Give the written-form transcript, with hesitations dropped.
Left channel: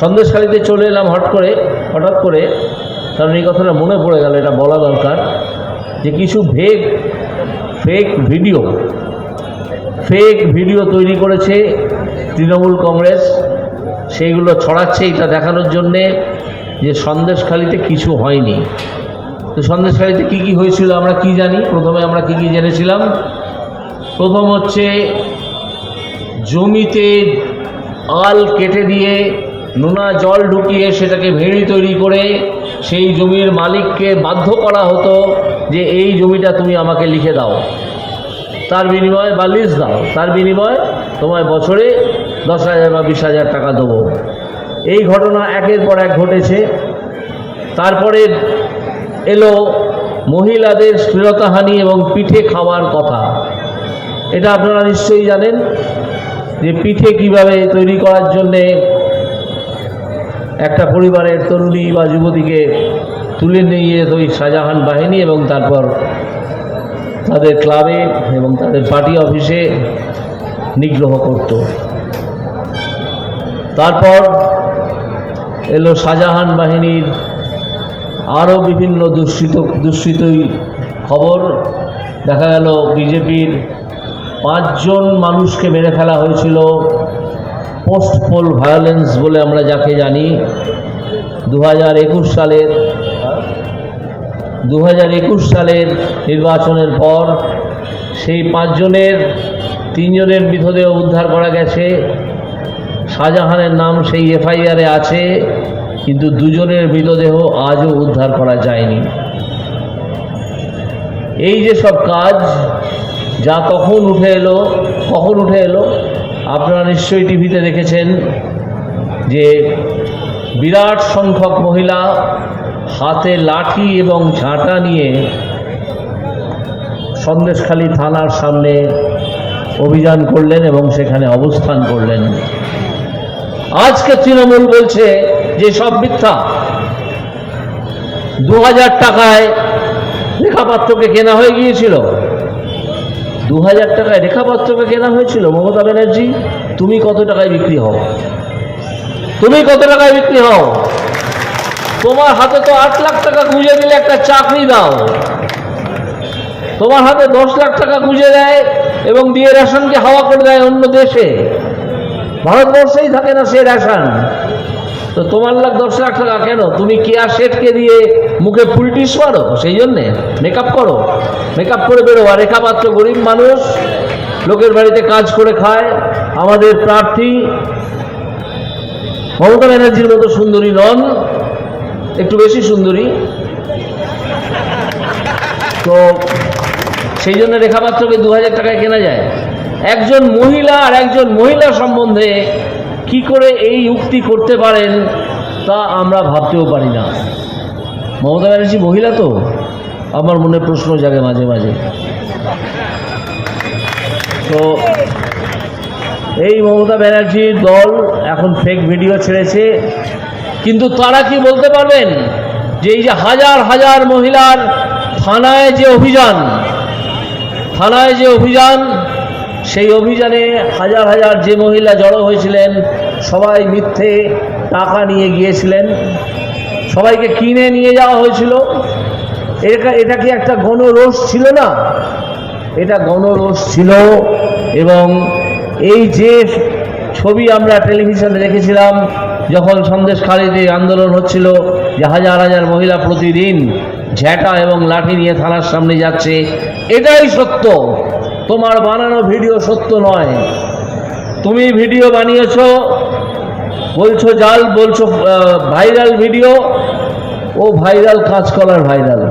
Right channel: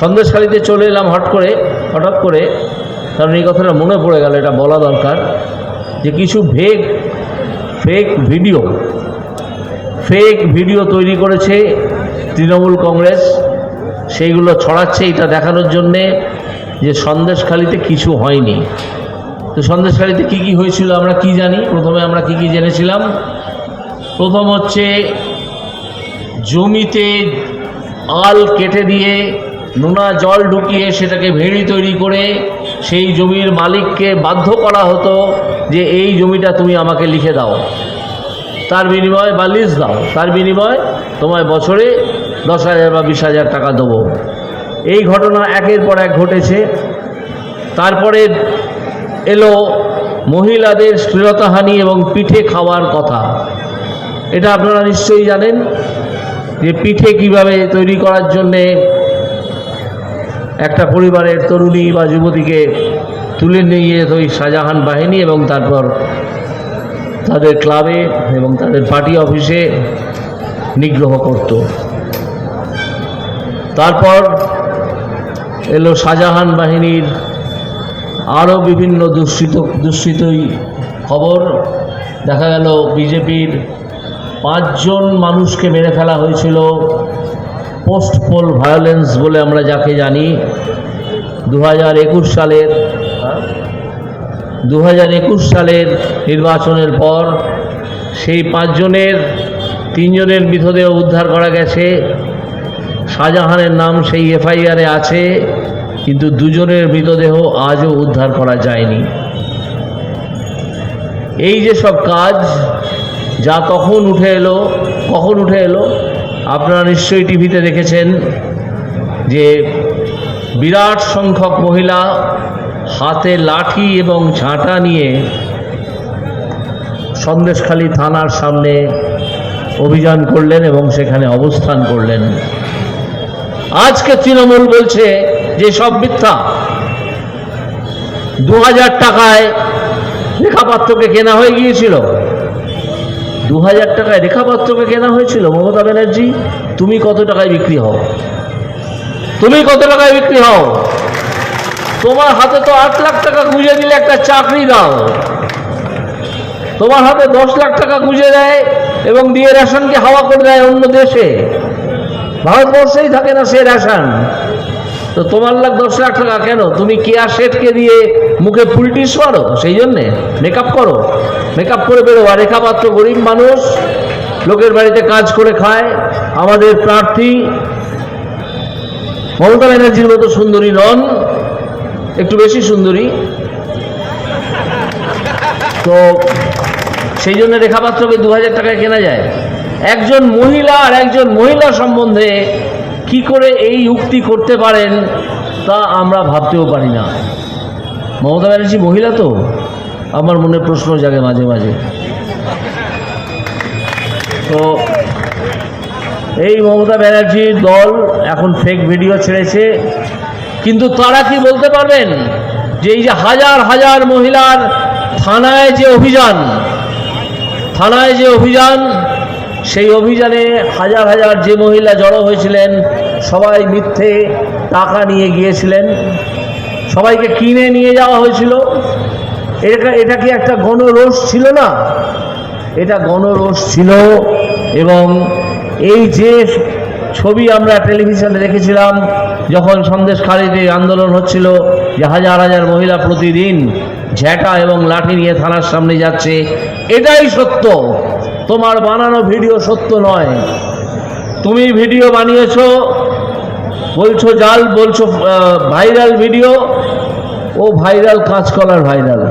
সন্দেশখালীতে চলে এলাম হঠাৎ করে, কারণ এই কথাটা মনে পড়ে গেল, এটা বলা দরকার যে কিছু ফেক ভিডিও তৈরি করেছে তৃণমূল কংগ্রেস, সেইগুলো ছড়াচ্ছে এটা দেখানোর জন্যে যে সন্দেশখালীতে কিছু হয়নি। তো সন্দেশখালীতে কী কী হয়েছিল আমরা কি জানি? প্রথমে আমরা কি জেনেছিলাম? প্রথম হচ্ছে জমিতে আল কেটে দিয়ে নোনা জল ঢুকিয়ে সেটাকে ভেড়ি তৈরি করে সেই জমির মালিককে বাধ্য করা হতো যে এই জমিটা তুমি আমাকে লিখে দাও, তার বিনিময়ে বা লিজ দাও, তার বিনিময়ে তোমায় বছরে 10,000 বা 20,000 টাকা দেবো। এই ঘটনা একের পর এক ঘটেছে। তারপরে এলো মহিলাদের শ্লীলতাহানি এবং পিঠে খাওয়ার কথা। এটা আপনারা নিশ্চয়ই জানেন যে পিঠে কিভাবে তৈরি করার জন্যে একটা পরিবারের তরুণী বা যুবতীকে তুলে নিয়ে যেত ওই শাহজাহান বাহিনী এবং তারপর তাদের ক্লাবে এবং তাদের পার্টি অফিসে নিগ্রহ করত। তারপর এলো শাহজাহান বাহিনীর আরও বিভিন্ন দুষ্কৃতই খবর। দেখা গেল বিজেপির 5 জন মানুষকে মেরে ফেলা হয়েছিল পোস্ট পোল ভায়োলেন্স বলে আমরা যাকে জানি। 2021 সালের নির্বাচনের পর সেই 5 জনের 3 জনের মৃতদেহ উদ্ধার করা গেছে। শাহজাহানের নাম সেই এফআইআরে আছে, কিন্তু 2 জনের মৃতদেহ আজও উদ্ধার করা যায়নি। এই যে সব কাজ যা কখন উঠে এলো আপনারা নিশ্চয়ই টিভিতে দেখেছেন যে বিরাট সংখ্যক মহিলা হাতে লাঠি এবং ঝাঁটা নিয়ে সন্দেশখালী থানার সামনে অভিযান করলেন এবং সেখানে অবস্থান করলেন। আজকে তৃণমূল বলছে যে সব মিথ্যা। 2000 টাকায় রেখাপাত্রকে কেনা হয়ে গিয়েছিল। 2000 টাকায় রেখাপাত্রকে কেনা হয়েছিল। মমতা ব্যানার্জি, তুমি কত টাকায় বিক্রি হও? তোমার হাতে তো 8 লাখ টাকা গুঁজে দিলে একটা চাকরি দাও। তোমার হাতে 10 লাখ টাকা গুঁজে দেয় এবং দিয়ে রেশনকে হাওয়া করে দেয় অন্য দেশে। ভারতবর্ষেই থাকে না সে রেশন। তো তোমার 10 লাখ টাকা কেন? তুমি কেয়া শেঠকে দিয়ে মুখে ফুলটিস মারো, সেই জন্যে মেকআপ করে বেরো। আর রেখাপাত্র গরিব মানুষ, লোকের বাড়িতে কাজ করে খায়। আমাদের প্রার্থী মমতা ব্যানার্জির মতো সুন্দরী নন, একটু বেশি সুন্দরী। তো সেই জন্য রেখাপাত্রকে 2000 টাকায় কেনা যায়। একজন মহিলা আর একজন মহিলা সম্বন্ধে কি করে এই উক্তি করতে পারেন তা আমরা ভাবতেও পারি না। মমতা ব্যানার্জি মহিলা তো, আমার মনে প্রশ্ন জাগে মাঝে মাঝে। তো এই মমতা ব্যানার্জির দল এখন ফেক ভিডিও ছেড়েছে, কিন্তু তারা কি বলতে পারবেন যে এই যে হাজার হাজার মহিলার থানায় যে অভিযান, সেই অভিযানে হাজার হাজার যে মহিলা জড়ো হয়েছিলেন সবাই মিথ্যে টাকা নিয়ে গিয়েছিলেন, সবাইকে কিনে নিয়ে যাওয়া হয়েছিল। এটা কি একটা গণরোষ ছিল না? এটা গণরোষ ছিল। এবং এই যে ছবি আমরা টেলিভিশনে দেখেছিলাম যখন সন্দেশখালীতে আন্দোলন হচ্ছিল, যে হাজার হাজার মহিলা প্রতিদিন ঝ্যাঁটা এবং লাঠি নিয়ে থানার সামনে যাচ্ছে, এটাই সত্য। তোমার বানানো ভিডিও সত্য নয়। তুমি ভিডিও বানিয়েছো, বলছো ভাইরাল ভিডিও। ও ভাইরাল কাঁচকলার ভাইরাল।